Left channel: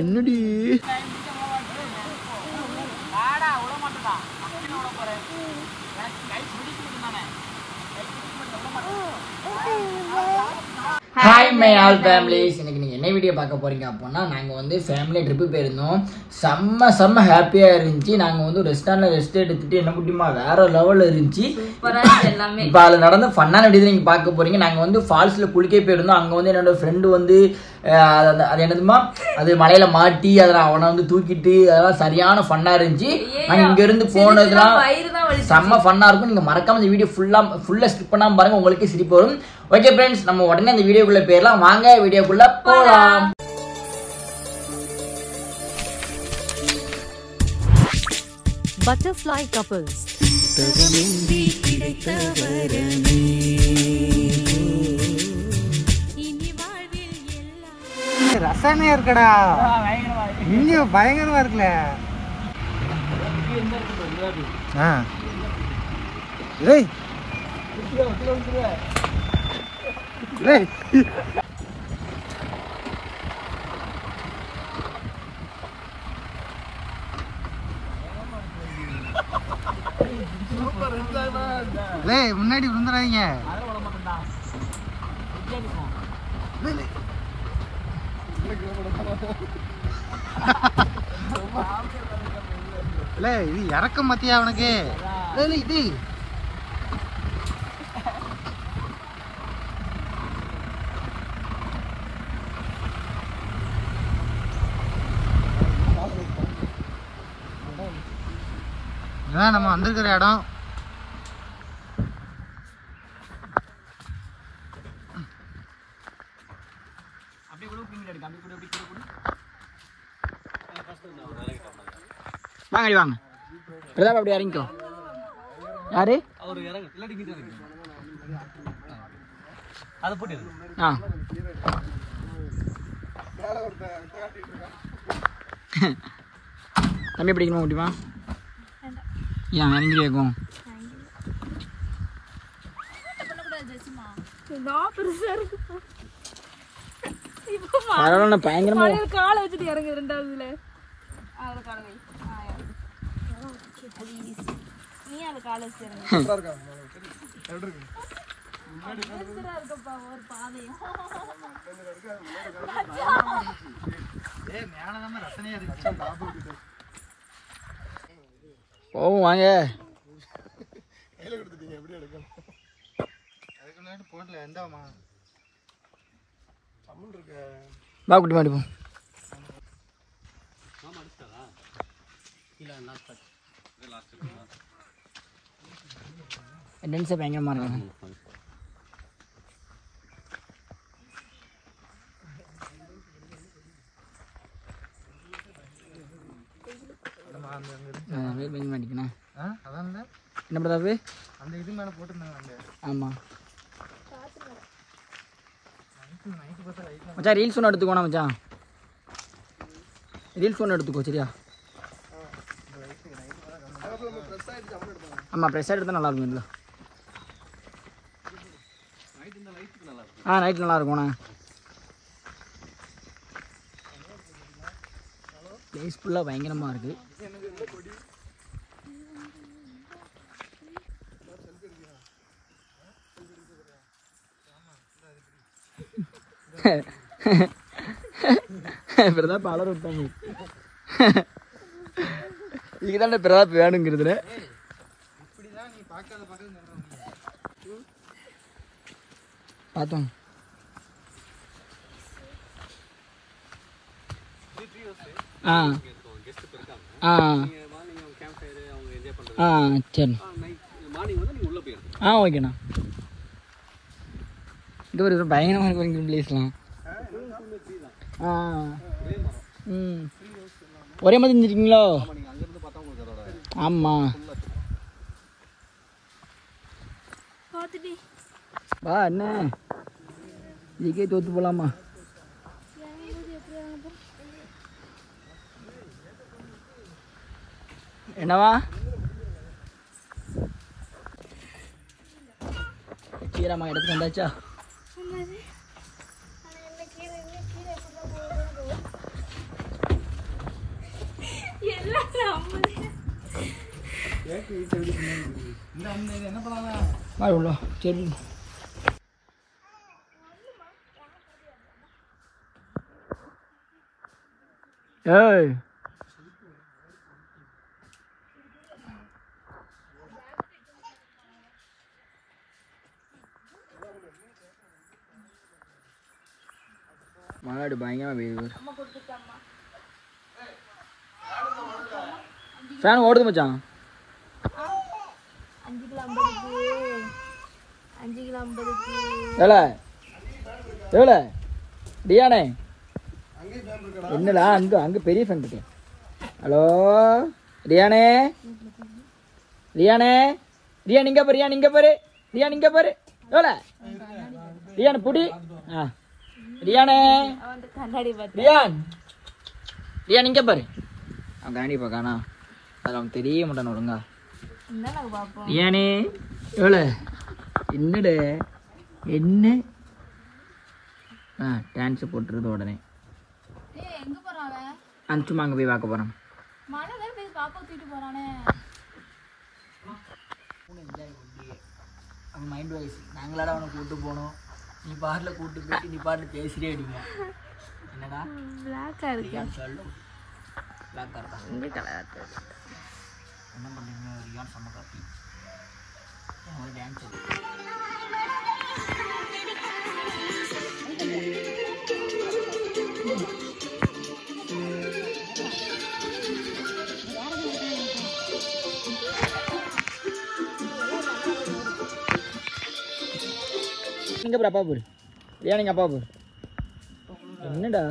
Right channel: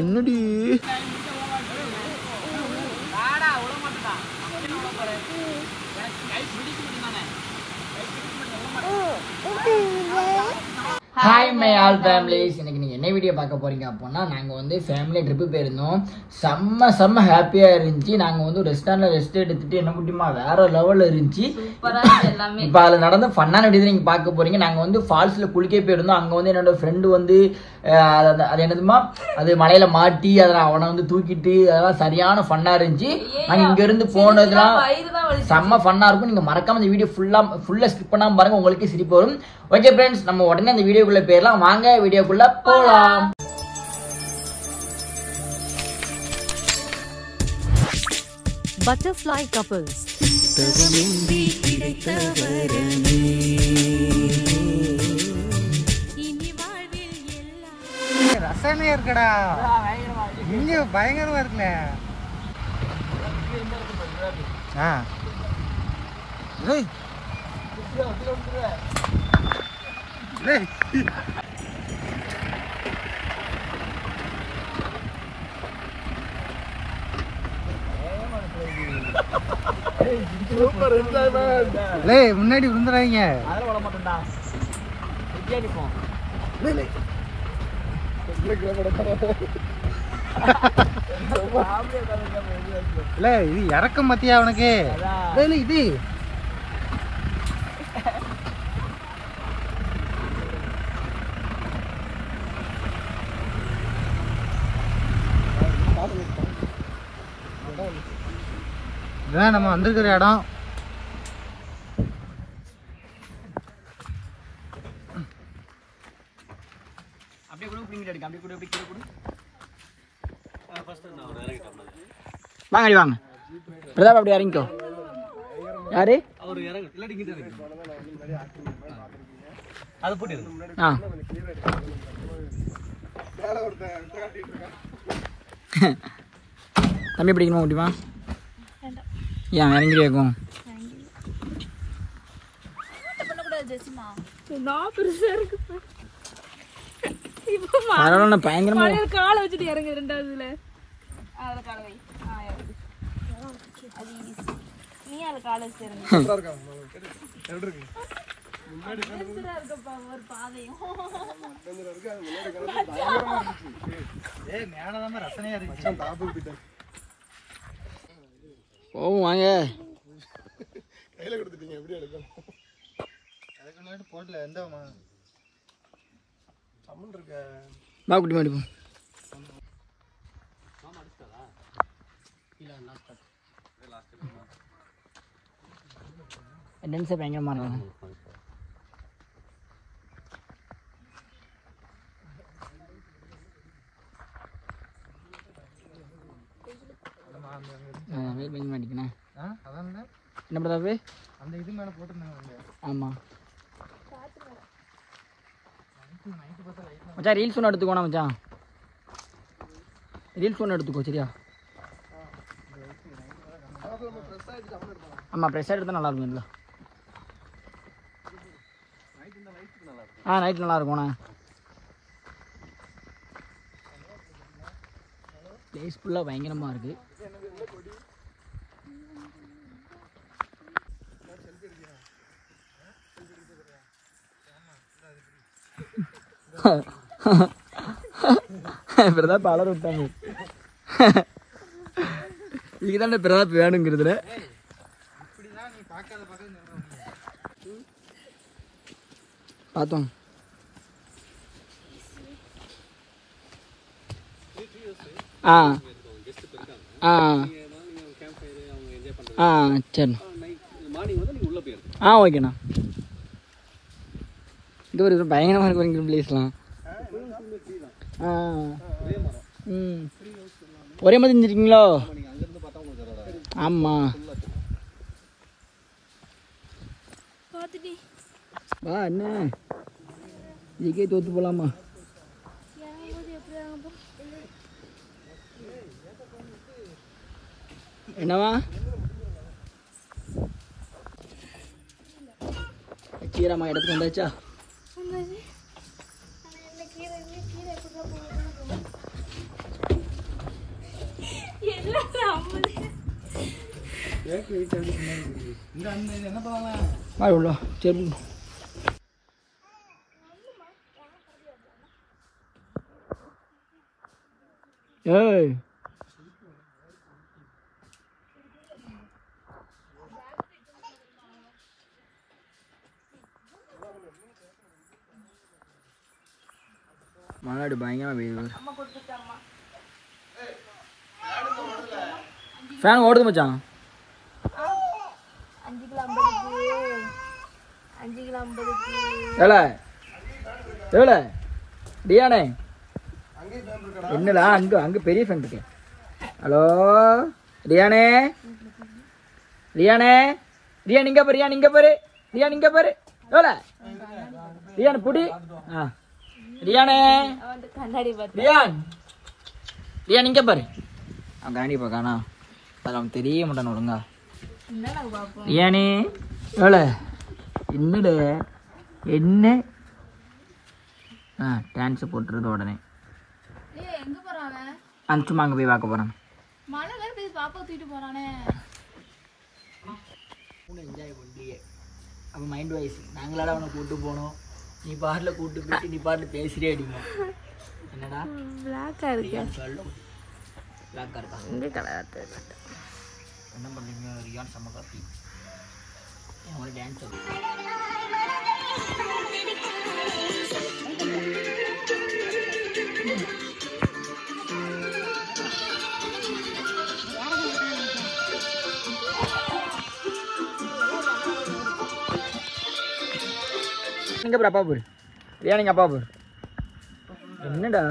என்னடி hi my all families. இன்னைக்கு நீங்கள் என்ன வீடியோ பார்க்க போகிறீங்க அப்படின்னா, நாங்கள் வந்து ஃபேமிலி ட்ரிப்பு போயிருந்தோம். செம்ம ஹாப்பியாக இருந்துச்சு. நாங்கள் வந்து ரெஸ்டாரண்ட்டில் ரெஸ்ட் எடுத்துகிட்டு என்ன முடியுமா வேறு லெவலில் இருந்துச்சு எல்லாமே. இப்போ அதில் நடந்த ஃபன்னான வீடியோ நீங்கள் பார்க்க போகிறீங்க. நாங்கள் வந்து ஃபால்ஸில் குளிக்க போயிருந்தோம். அங்கே வந்து என்னோடய ஃப்ரெண்டு வந்து அது என்னதுமா அது மலையில் மாட்டி அதில் அவனை வந்து தூக்கிட்டு அதெல்லாம் சரியான ஃபன்னாக இருந்துச்சு. நாங்கள் இங்கேருந்து போனதுலாம் செம்ம ஃபன்னாக இருக்கும். நீங்கள் மறக்காமல் இந்த வீடியோ ஃபுல்லாக ஸ்கிப் பண்ணாமல் பாருங்கள், உங்களுக்கே சிரிப்பு வரும். ஓகே ஃப்ரெண்ட்ஸ், நம்ம உடனே இந்த வீடியோக்குள்ள போயிடலாம். வாங்க வீடியோக்குள்ள போகலாம். Butterfly couples. ரசனையா இருக்கடா, இங்க பயங்கரமா இருக்குல்ல. முன்னாடி விழுந்துறாங்க. இது இறக்கம் மத்தியா அவனுக்கு இது இதுதான் நம்ம வந்திருக்கிற இடம். வாங்க வாங்க பிரதாப், அப்படி இறங்கிக்கோ. யாரு தம்பி பிடிக்கணுமா முடியுமா? ஏன் இறங்கிட்டே இருக்கும்? பயங்கரமா காலை வச்சுட்டு இறங்கி ரெண்டாவதுல போவோம் வாங்க. கையில கொடுத்துட்டீங்க, எப்படி எடுக்கும்? அதுக்கு முன்னாடி போடல. எந்தாமா அம்மன் இருக்க வா குட்டி மாடி போ. டென்ஸே பயங்கரமா இருக்காங்க. என்ன பிரதாப்பு அந்த இது மேலே போட்டுருந்தாங்க. ஆமாம் மச்சான், ரீல்ஸ் ஒன்று எடுத்துக்கோண்ணா மச்சான், ரீல்ஸ் ஒன்று எடுத்துக்கோ சரியா? ஆமாம், ப்ரெஸ் எடுத்தால் நல்லா இருக்கும். இல்லை நைட் நல்லா இருக்கும்ண்ணா. பீஸ்ஃபுல்லாக பயங்கரமாக இருக்குது. பிரதாப் அலர் விட்டாங்க. இதுதானே பிரதாப் வேணுங்கிறதுல பார்த்தோம். சரி ஓகேண்ணா. இது ஒரு பயங்கரமாக இருக்கு பிளேஸ்லாம். ஒரே மாதிரி செஞ்சிருக்கீங்களோ? ஆமாம் வா என்ன ஜிகே தோத்து போகலாமா? என்னவா சீராமா இடத்துக்கு வந்தாச்சா? சரி ஏய் மாடு பயங்கரமா பெய்யுது. ஃபேன் ஓடுது மச்சான். 5 கிலோ 50க்கு 5 கிலோ 50க்கு எவ்வளோ டியானே என்னடா அங்க பெரிய ஃபேன் இருக்கு. ஹலோ ரியானே ரியானே ரியான் இங்க பாரு ரியான் இங்க பாரு ரியான் இங்க பாரு எவ்வளோ ரியான் புடி ரியானே கண்ணாடி பார்த்து ரியான் இங்க பாரு அவன் கண்ணாடி பார்க்கானா அதில் அவன் தெரிய மாட்டான் ஒழுங்கா. ரியானே எவ்வளோ என்னடு என்ன டான்ஸ் போட்டுருது உடனே அந்த சும்மா அங்கே போய் பார்க்க போகிறான். என்ஜாய் பண்ணியே அப்போ மைண்ட் வாய்ஸ் நாங்களால அவனை கூப்பிட்டு போனோம். நீ பாட்டில் கூப்பிட்டு போயிட்டு நீ பாட்டில் பேசிட்டே அடிக்கும். என்னடா சொல்லு பிளாக்காக இருக்கா என்ன பண்ணுறீங்க ரியான் செம்ம காப்பி ஒரு டான்ஸ் எங்க போற அப்பா போரு ஏன் அப்பா போரு என்னடா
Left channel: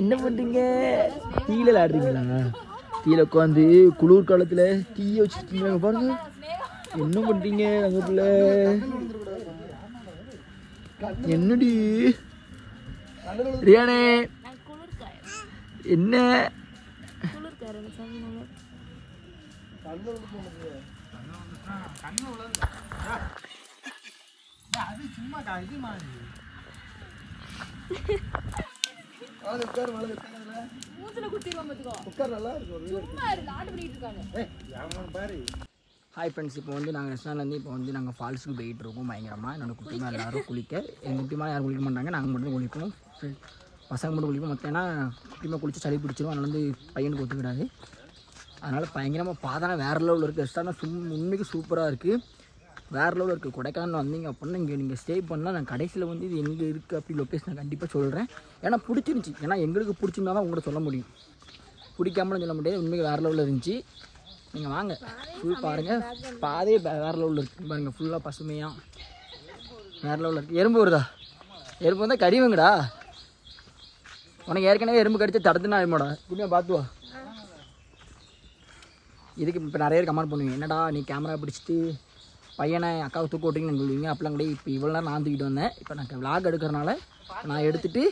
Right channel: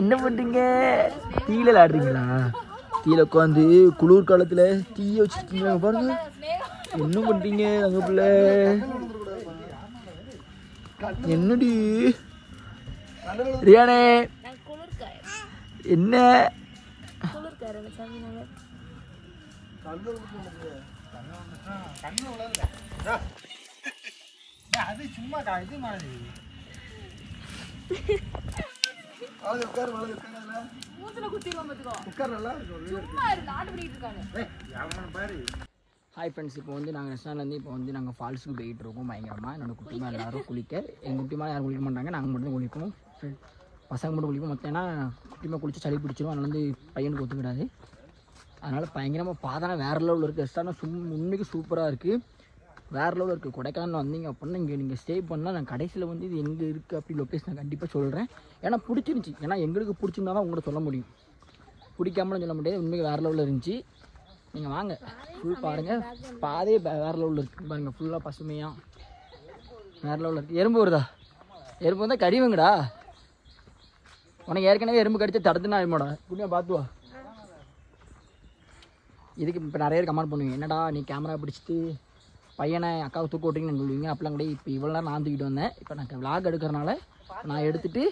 என்ன பண்றீங்க? தீயில விளையாடுறீங்களா? தீயில உட்காந்து குளிர் காலத்துல தீய வச்சிருக்கீங்க பாருங்க. என்ன பண்றீங்க அங்க பிள்ளை? என்னடி ரியானே என்ன அது சும்மா இது மாதிரி ஹாய் ஃப்ரெண்ட்ஸ், இப்போ வந்து நாங்கள் ரெஸ்டாரண்ட்லேருந்து இப்போ வந்து நாங்கள் ஃபால்ஸுக்கு போயிட்டு இருக்கோம். பயங்கரமாக என்னோட குட்டிமா எல்லோரும் குளிக்க. எங்கள் குட்டிமா யாரும் குளிக்க மாட்டாங்க, நாங்கள் மட்டும் குளிப்போம். பசங்க மட்டும் குளிப்போம். மற்ற ஏன்னா குட்டிமா குளிச்சு சளி பிடிச்சிரும், அதனால் வந்து பையனுக்கு ஒத்துக்கிடாது. அதனால் பயங்கரமாக பார்த்தா வேறு லெவலில் இருக்குது. ரெஸ்டாரண்ட் உண்மைக்கு சூப்பராக இருக்குது, வேறு லெவலில் இருக்குது. கொடைக்கானல் வந்தீங்க அப்படின்னா இங்கே நீங்கள் ஸ்டே பண்ணால் நான் கடைசியில் வந்து இது எங்கே இருக்குது அப்படி லொக்கேஷன் நான் கண்டிப்பாக சொல்கிறேன். ஏன்னா பிடிச்சிருந்துச்சி, ஏன்னா எங்களுக்கு பிடிச்சிருந்தா தான் உங்கள்கிட்ட சொல்ல முடியும், பிடிக்காமலும் சொல்ல முடியாது. உண்மைக்கு வேறு லெவலில் இருந்துச்சு. நீங்கள் வாங்க ஃபுல் பாருங்கள், பாதையே வேறு லெவலில் இருக்குது பாருங்கள். ஃபுல்லாக பசுமையாக வேறு லெவலில் இருக்குது. எறும்பு வருதா? எறும்பு வந்தால் கறிவங்கடா. உனக்கு ஏற்கனவே எறும்பு கடிச்சு தடுத்துனா ஆயிடுமாடா, குட்டியாக பார்த்துவா. இதுக்கு இப்போ நிறைய பேர் கமெண்ட் பண்ணுவீங்க, என்னடா நீ கேமரா பிடிச்சிட்டு பையனை அக்காவை தூக்க ஓட்டிங்கன்னு சொல்லுவீங்க. அப்பெல்லாம் கூட இப்போ இவ்வளோ நேரம் நான் தூக்கிட்டு வந்தேன். இப்போ நான் விளாக் எடுக்கிறனால நான் எடுத்துகிட்டு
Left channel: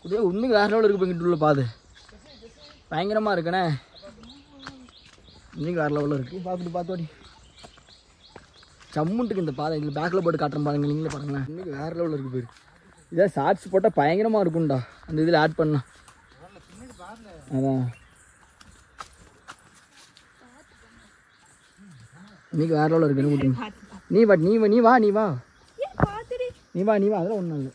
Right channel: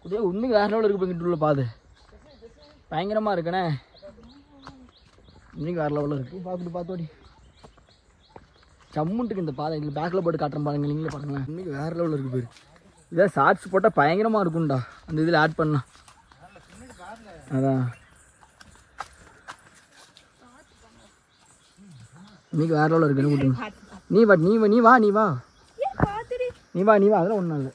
குட்டியாக உண்மைக்கு வேறு லெவலில் இருக்குது. போய்கிட்டு உள்ள பாது பயங்கரமாக இருக்குண்ணே, இன்னைக்கு வேறு லெவலில் இருக்குது. பார்த்துட்டு சம்முன்ட்டுக்கு இந்த பாதை இதில் பேக்கில் போட்டு காட்டுறேன் பாருங்க, நீங்களே பாருங்களேன். இன்னைக்கு வேறு லெவலில் இருக்குது பேர். இதான் ஷார்ட்ஸ் போட்டால் பயங்கரமாக இருக்கும்டா, அந்த இதில் ஆட் பண்ணலாம். அதான் இன்னைக்கு வேறு லெவலில் இருக்குது. நீ வா அதெல்லாம் ஒன்றும் இல்லை.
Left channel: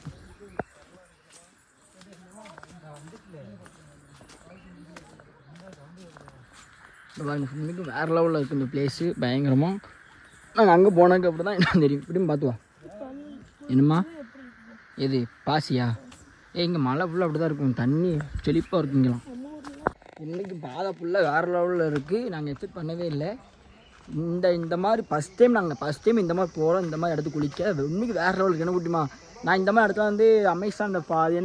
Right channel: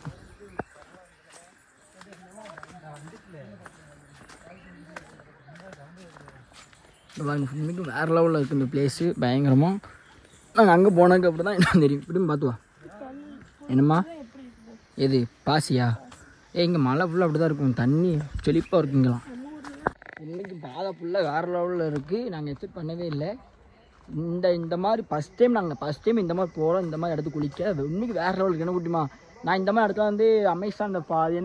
இன்னைக்கு வேறு லெவலில் இருக்குது இந்த பிளேஸு பயங்கரமாக. நாங்கள் அங்கே போனாங்க அப்படி தான் என்ன தெரியும். இப்படியும் பார்த்துவா. என்னம்மா எது பாசியா? இங்கே மழை ஃபுல்லாக அப்படி தான் இருக்கும், தண்ணி செழிப்பாக இருக்குங்களாம். இன்றைக்கி பாதை ஃபுல்லாக வேறு லெவலில் இருக்குது. நாங்கள் எக்ஸ்பெக்ட் பண்ணவே இல்லை. இந்த மாதிரி ஃபஸ்ட் டைம் இந்த மாதிரி போகிறோம், இந்த மாதிரி இடத்துக்கு குளிக்க. உண்மைக்கு வேறு லெவலுக்கு என்ன குட்டிமா. நான் இந்த மாதிரி இடத்துல வந்து அமேசான் அது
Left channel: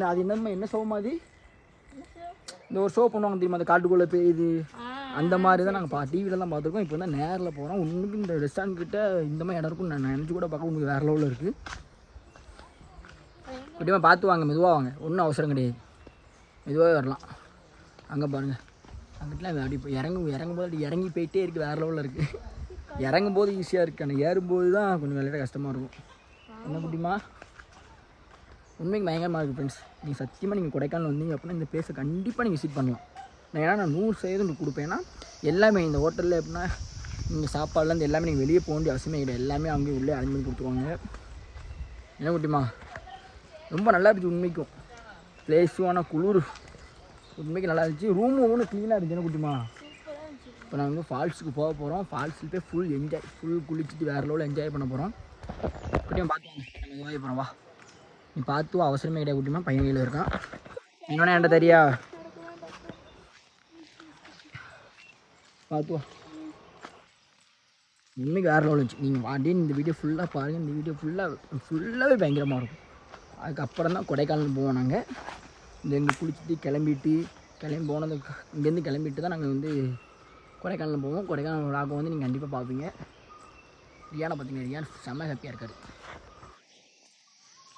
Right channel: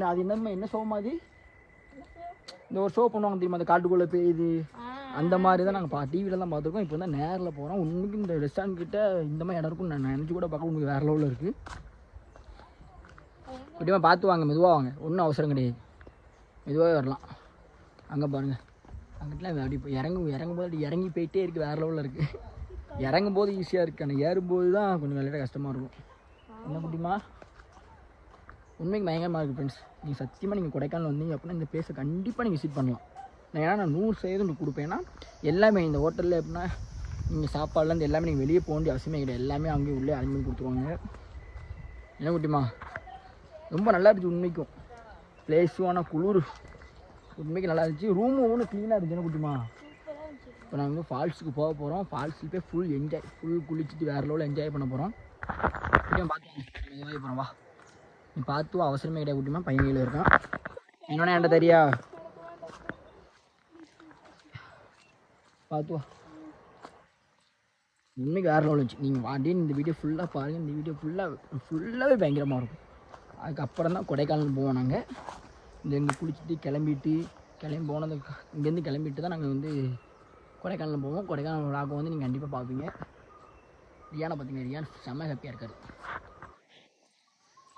என்ன ஷோ மாதிரி இந்த ஒரு ஷோ பண்ணுவாங்க தெரியுமா, அந்த காட்டுக்குள்ளே பெய்யுது அந்த மாதிரி தான் நாங்கள் டிவியில் தான் பார்த்துருக்கோம். இப்போ வந்து நேரில் போகிறோம். உண்மைக்கு இந்த ரெஸ்டாரண்ட் கிட்ட இந்த மாதிரி இடம் இருக்குன்னு நான் நினச்சி கூட பார்க்க உங்களுக்கு வேறு லெவலில் இருக்குது. குட்டிமா பார்த்து வாங்க, மெதுவாக வாங்க, ஒன்றும் அவசரம் கிடையாது, மெதுவாகவே வரலாம். அங்கே பாருங்கள் அங்கிட்டலாம் அப்படி இப்போ இறங்கும் போது அப்படி இறங்கி போயிட்டே இருக்குது, வேறு லெவலில் இருக்குது. இறங்கும் போது ஈஸியாக இருக்குது, ஆனால் ஏறும்போது தான் கொஞ்சம் விளையாட கஷ்டமாக இருக்கும். என்ன முடியுமா? உண்மைக்கு பயங்கரமாக இருக்குது ஃப்ரெண்ட்ஸ். நீங்கள் சத்தியமாக நீங்கள் கொடைக்கானல் வந்தீங்க அப்படின்னா இந்த பிளேஸை கண்டிப்பாக நீங்கள் விசிட் பண்ணலாம். நான் 100% கொடுப்பேன். ஏன்னா எல்லாமே இந்த ஹோட்டலில் எப்படின்னா நீங்கள் சாப்பாடுலேருந்து எல்லாமே நீங்கள் வெளியே போக வேண்டிய அவசியமே கிடையாது. எல்லாமே அங்கேயும் உள்ளே அரேஞ்ச் பண்ணி கொடுத்துருவாங்க. என்ன குட்டிமா? ரொம்ப நல்லா இருந்துச்சு உண்மைக்கும். பிளேஸும் ஆனால் குளிர் உண்மைக்கு நல்லா இருந்துச்சு. ரூமும் ஒன்று க்ளீனாக இருந்துச்சு. என்ன குட்டிமா? இப்போ நாங்கள் வந்து ஃபால்ஸுக்கு போக போகிறோம். ஃபால்ஸில் போய் ஃபுல் குளிச்சுட்டு வேறு லெவலில் என்ஜாய் பண்ண போகிறோம். குட்டிமா பார்த்து நம்ம என்ஜாய் போகிறோம். வா, நீ பார்த்துவோம், அவசரமே கிடையாது குட்டிமா. பையன் கையில் இருக்கான். இன்னொன்னே என்கிட்ட தெரியா? பார்த்துவா. உண்மைக்கு வேறு லெவல் இருந்துச்சு. நீங்கள் வாடே இந்த வீடியோ ஃபுல்லாக பாருங்கள். இந்த வீடியோ ஃபுல்லாகவே பயங்கரமாக இருக்கும். அதுக்கப்புறம் தான் கொடைக்கானல் போவோம். நாங்கள் இந்த இங்கே குளிச்சுட்டு கிளம்பி போனது இங்கேருந்து கிளம்பிட்டு தான் நாங்கள் வந்து கொடைக்கானல் போவோம். கொடைக்கானல் விழாக்கு வந்து நீங்கள் கண்டிப்பாக பார்ப்பீங்க. ரியானை பார்த்தீங்கன்னா ரியான் செம்ம ஹாப்பியாக இருக்கார்.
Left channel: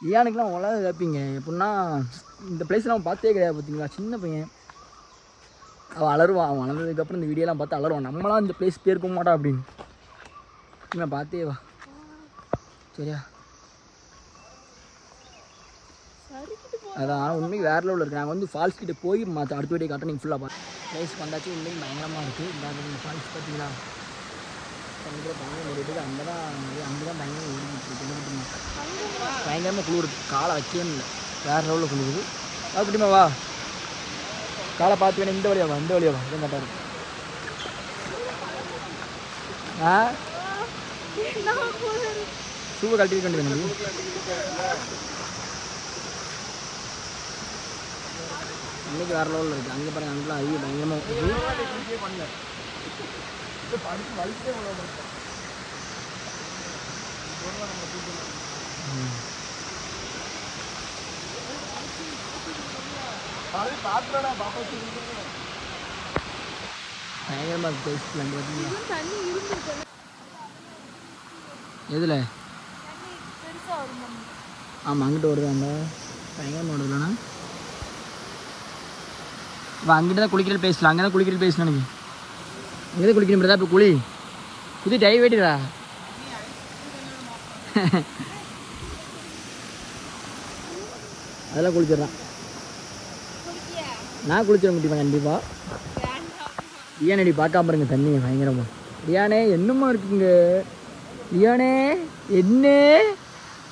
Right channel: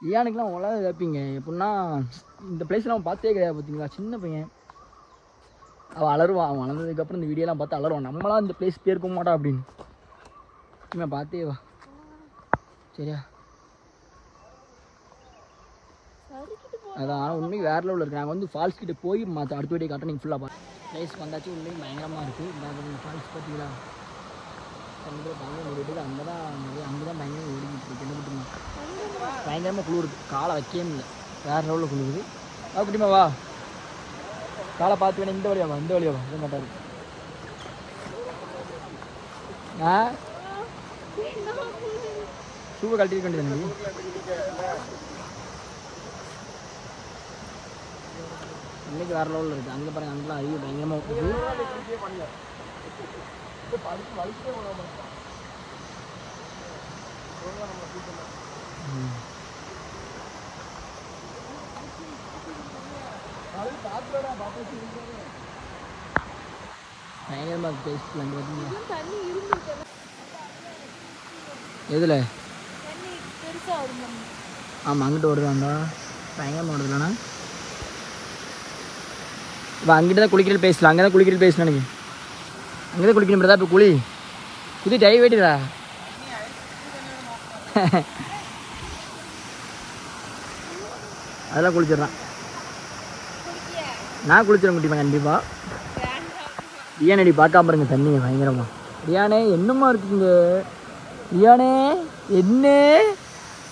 ரியானுக்குலாம் உலக ஹாப்பிங்க. எப்படின்னா இந்த பிளேஸ்லாம் அவன் பார்த்தே கிடையாது. பார்த்தீங்களா, சின்ன பையன் அவன் அலருவான். அவன் வளர்ந்ததுக்கப்புறம் இந்த வீடியோலாம் பார்த்து அலருவான். நம்மளாம் இந்த பிளேஸ் போயிருக்க மாட்டா அப்படின்னு. இவன் பார்த்தே வா. சரியா? அதான் உண்மைக்கு வேறு லெவலில் இருக்குது. நாங்கள் வந்து ஃபால்ஸ் கிட்டே போய் அடுத்த வீடியோ காட்ட நீங்கள் ஃபுல்லாக பார்த்து பிளேஸ்க்கு வந்தாச்சு. உண்மைக்கு பயங்கரமாக இருக்குது. இந்த ஃபால்ஸ் பார்த்தீங்கன்னா அங்கே தான் பயங்கரமாக குளிர். காலை வைக்கவே இல்லை, வேறு லெவலில் குளிருது. அப்படிமா வா, காலை பார்த்து வேணும். இந்த வழியா வா, இந்த வழியா வா. இது கரெக்டாக இருக்கு. ஷூவை கழட்டி வைக்க வேண்டியது. இன்னைக்கு வேறு லெவலில் இருக்குது. அங்கே பாருங்கள், அங்கெல்லாம் அதிக பயங்கரமாக எதில்? ஆமாம், அங்கிட்ட வருதாங்க. பயங்கரமாக வருதுலண்ணா. இப்போ அங்கிட்ட தான் குளிக்கிறது பேசலாம். அங்கே தான் குளிக்கிறது பேசலாம். எனக்கு அங்கே தான் குளிக்கணும். இப்போ குளி புது டை வேட்டுதா? அதெல்லாம் குளிச்சிடலாம். நான் குளிச்சிட முடியுமா? கண்டிப்பாக. ரியானடி பார்க்காம பாருங்க தண்ணி பயங்கரமா. ரியானே என்னமா இருக்குங்க? ரியானே என்ன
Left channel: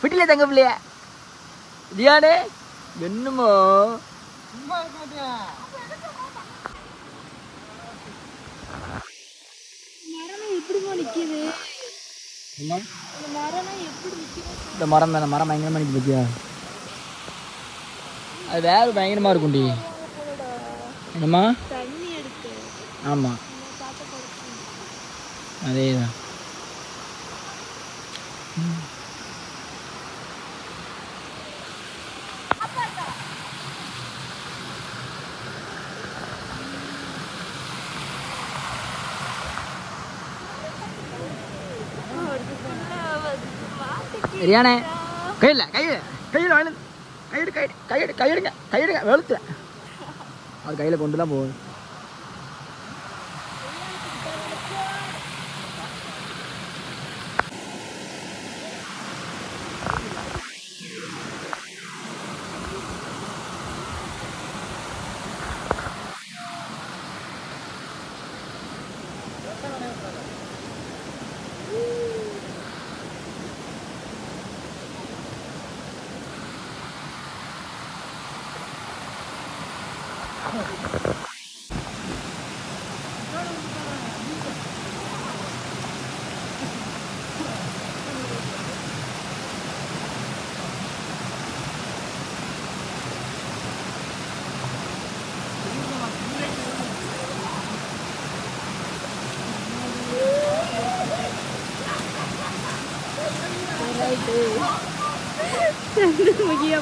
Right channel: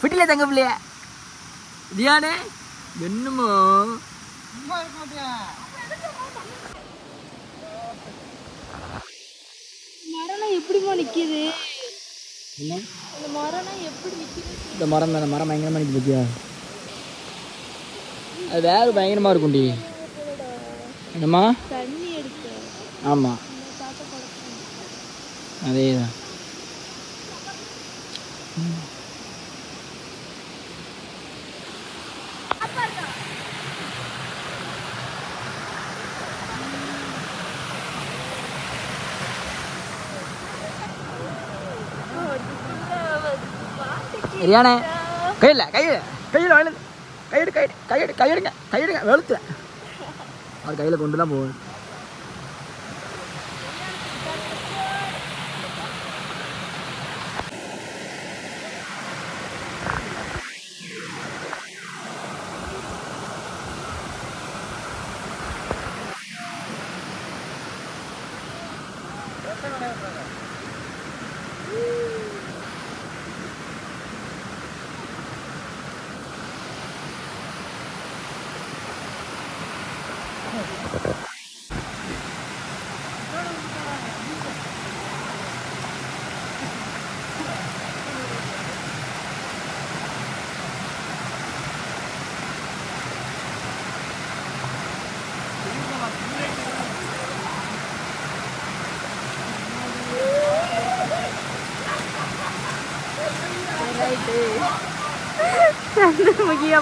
பிடிக்கல தங்க பிள்ளைய? ரியானே என்னமா மரம் எப்படிமா நிக்குது? இந்த மரம் தானே, மரம் பயங்கரமா நிற்க பத்தியா? அது வேறு பயங்கரமா இருக்கும்டி. என்னம்மா? ஆமாம், அதே தான். ரியானே கையில் வாங்கினது கையெடுங்க வெளுத்து அவர் கையில் கொண்டு தான் போகுது.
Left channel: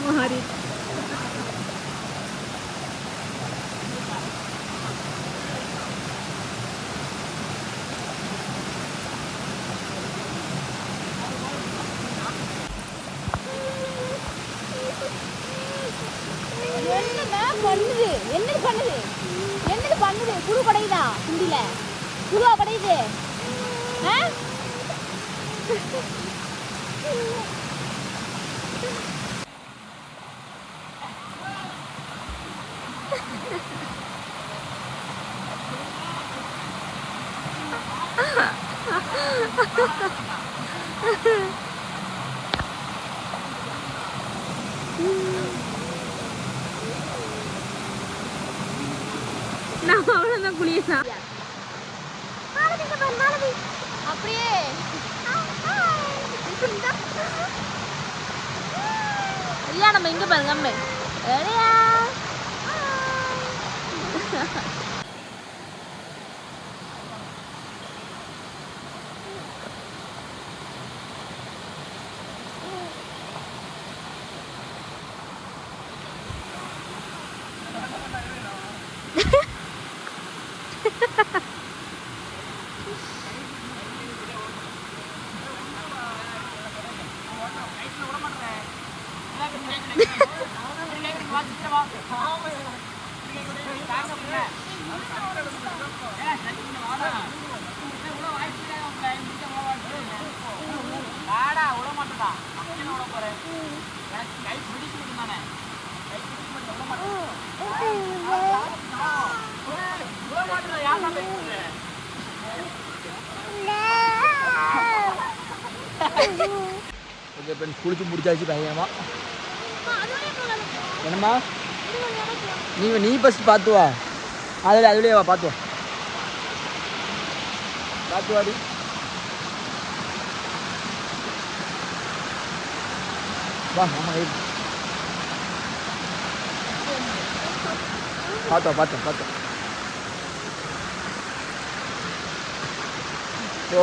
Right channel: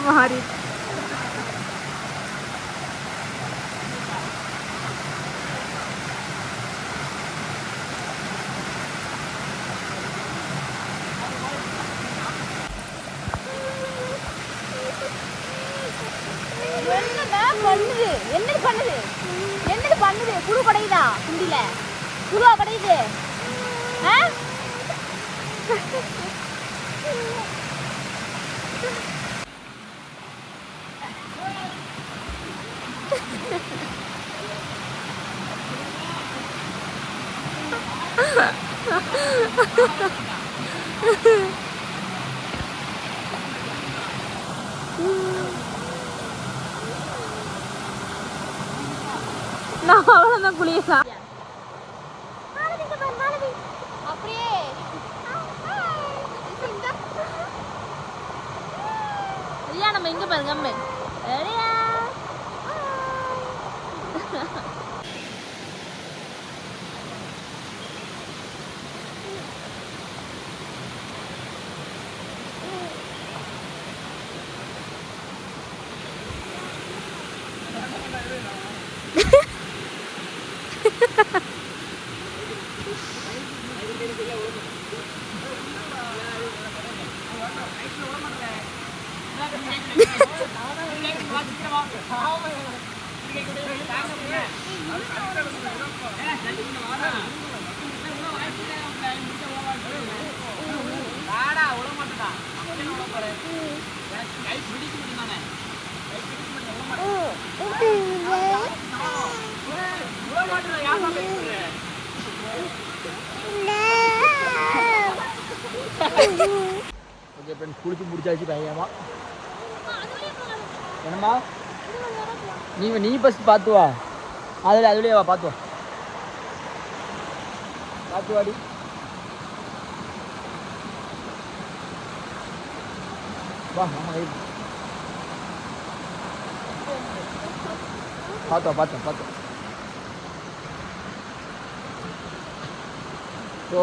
மாறி பண்ணுது. என்னது பண்ணுது? என்னது பண்ணுது புழு கடையுதா குண்டில புழுவா கடையுது நான் அவ்வளவுதான் குளியலாம் அப்படியே நம்ம இங்க பாருங்க அம்மே குளிச்சு முடிச்சாச்சு பயங்கரமா. என்னம்மா நீ ஃபர்ஸ்ட் பார்த்து வா. அதுலேயே வா பார்த்து வா வா ஆமா பார்த்து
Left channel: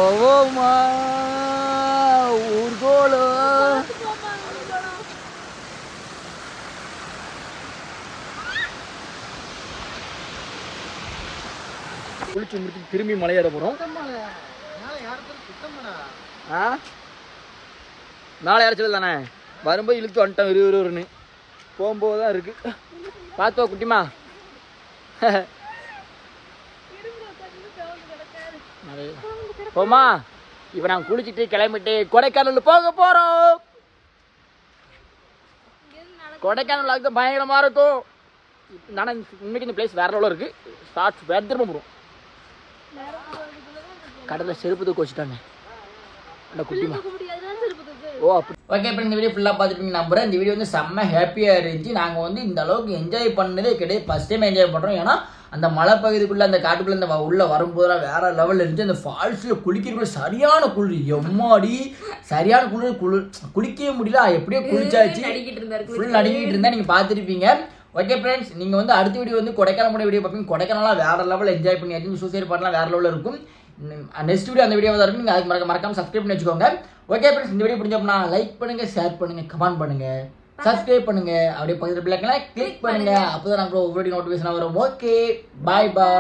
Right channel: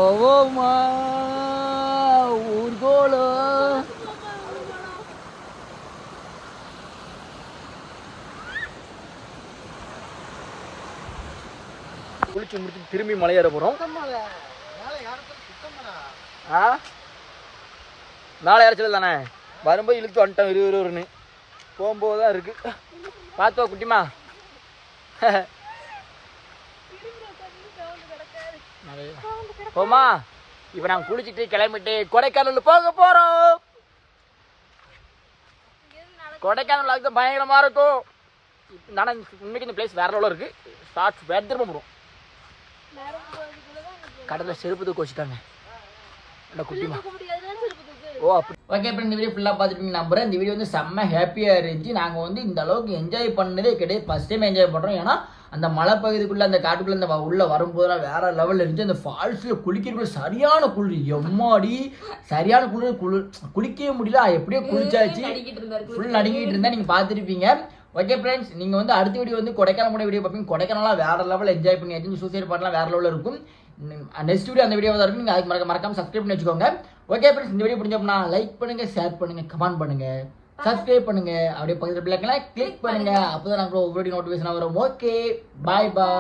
ஓமா ஊர்கோலோ குளிச்சு முடிச்சு திரும்பி மலையேற போறோம். மேலே ஏறச்சது தானே வரும்போது இழுத்து வந்துட்டோம். இருன்னு போகும்போது தான் இருக்கு. பார்த்துவா குட்டிமா. போமா இப்ப நாங்க குளிச்சுட்டு கிளம்பிட்டு கொடைக்கானல் போக போறோம். கொடைக்கானல் தான் பயங்கரமா இருக்கும். இன்னைக்கு இந்த பிளேஸ் வேற லெவலில் இருக்கு. ஷார்ட்ஸ் வேற திரும்ப போறோம். கடலில் செருப்பு தூக்க வச்சுட்டாங்க குட்டிமா. ஓ அப்படி ஓகே. இப்போ இந்த வீடியோ ஃபுல்லாக பார்த்துட்டு நம்புறேன். இந்த வீடியோ வந்து செம்ம ஹாப்பியாக இருந்துச்சு. நாங்கள் வந்து இந்த அளவுக்கு என்ஜாய் பண்ணதே கிடையாது. ஃபர்ஸ்ட் டைம் என்ஜாய் பண்ணுறோம். ஏன்னா அந்த மலை பகுதிக்குள்ளே அந்த காட்டுக்குள்ளே இந்த உள்ளே வரும்போதெல்லாம் வேற லெவலில் இருந்துச்சு. அந்த ஃபால்ஸில் குளிக்கிறதுக்குள்ள சரியான குளிர். எம்மாடி சரியான குளிக்கவே முடியல. எப்படியோ குளிச்சாச்சு. ஃபுல் நடுங்கிட்டு இருந்தா நீங்கள் பார்த்துருப்பீங்க. ஓகே ஃப்ரெண்ட்ஸ், நீங்கள் வந்து அடுத்த வீடியோ வந்து கொடைக்கானல் வீடியோ பார்ப்பீங்க. கொடைக்கானலாம் வேற லெவலில் என்ஜாய் பண்ணியாச்சு. சூசைட் பாட்டெலாம் வேற லெவலில் இருக்கும். நெக்ஸ்ட் வீடியோ அந்த வீடியோ தான் இருக்கும். நீங்கள் அதுக்கு மறக்காம சப்ஸ்கிரைப் பண்ணி வச்சுக்கோங்க. ஓகே ஃப்ரெண்ட்ஸ், இந்த வீடியோ பிடிச்சோம்னா லைக் பண்ணுங்க, ஷேர் பண்ணுங்க, கமெண்ட் பண்ணுங்க, சப்ஸ்கிரைப் பண்ணுங்க. அப்படியே பக்கத்தில் பிள்ளைங்களை கிளிக் பண்ணுங்க. அப்போதான் நாங்கள் ஒவ்வொரு நோட்டிஃபிகேஷன் வரும். ஓகே, பாய் பாய்.